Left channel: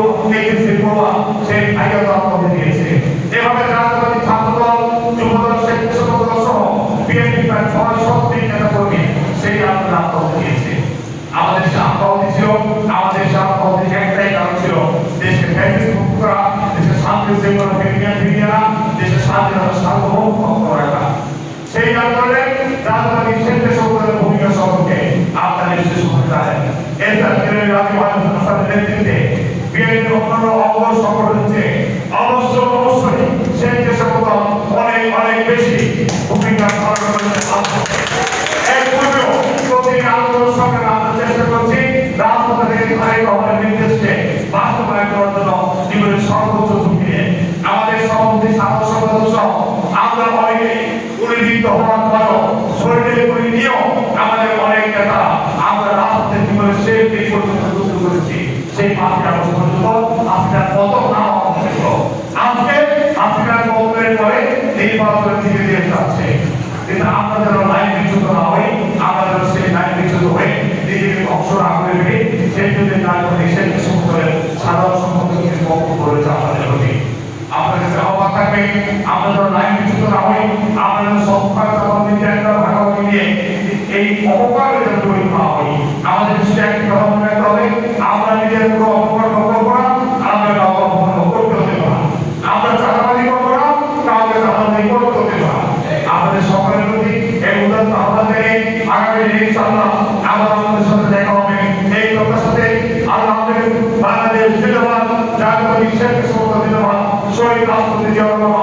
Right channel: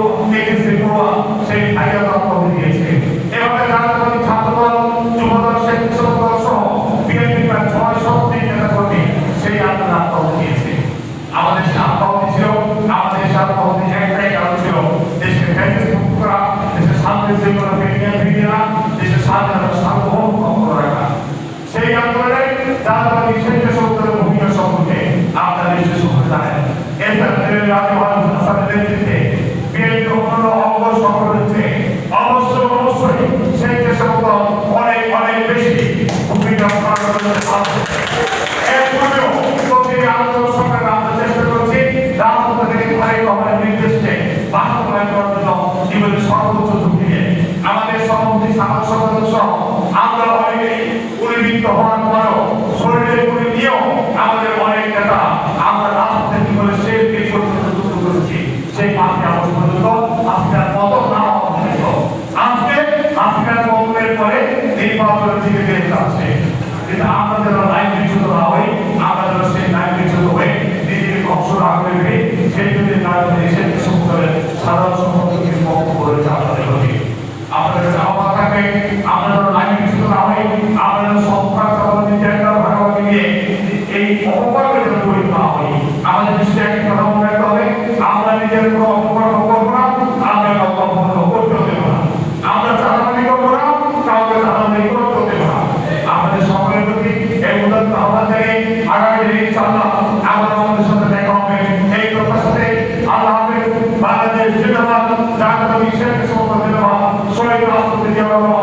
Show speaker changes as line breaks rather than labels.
HSC পুরো HSC পুরো সেই ভাইয়া রক্ত দিয়েছে এভাবে রাজনৈতিক ছাত্রদল যুবদল স্বেচ্ছাসেবক সহ বিএনপি প্রায় ছয়শো নেতা কর্মী সেই আন্দোলন আত্মহত্যা দিয়েছে আমাদের সে আত্মহত্যা ছিল আমাদের সে আত্মহত্যা একটাই কারণ ছিল দেশকে ফ্যাসিস্ট মুক্ত করা দেশের শান্তি শৃঙ্খলা ফিরিয়ে ফিরিয়ে দেশের স্বাধীনতা সার্বভৌম রক্ষা সেই আন্দোলনে রাজনৈতিক স্বেচ্ছাসেবকদের ভূমিকা সম্পর্কে আপনারা নিশ্চয়ই শুনতে জানেন এই তাদের রাজু হাসানের নেতৃত্বে বিএনপি অঙ্গ সংগঠন হচ্ছে। অবশ্য, অবশ্যই স্বেচ্ছাসেবক অনেক অনেক বেশি। ভূমিকা পালন করতে এর পূর্বেও প্রতি আন্দোলন সরকার আমরা চেষ্টা করছি রাজপথে থেকে ঘরে খবরের নির্দেশে বাস্তবায়ন করার জন্য জীবনের সর্বোচ্চ ঝুঁকি আমাদের সভাপতি, সাধারণ অনেক নেতা আমরা করেছি, সেই পাঁচটি পর্যন্ত আজকের পতন না হওয়া আজকে আজকের পতনের পরে নির্বাচনের দিকে দেশ যাচ্ছে। কিন্তু আমরা লাইন বিচ্যুত না হই আমরা সেই লাইন বিচ্যুত হয়ে নিজেকে ধ্বংস না করে সেই জন্য রাজনৈতিক স্বেচ্ছাসেবকের সাধারণ সম্পর্কে কিছু বক্তব্য রয়েছে আপনাদের প্রতি। আপনাদের কাছে আহ্বান থাকবে আমরা লাইন বিচ্যুত না হই আমরা যেন চালানোর একটা ভাগাভাগি নিয়ে এই অপকর্মের জন্য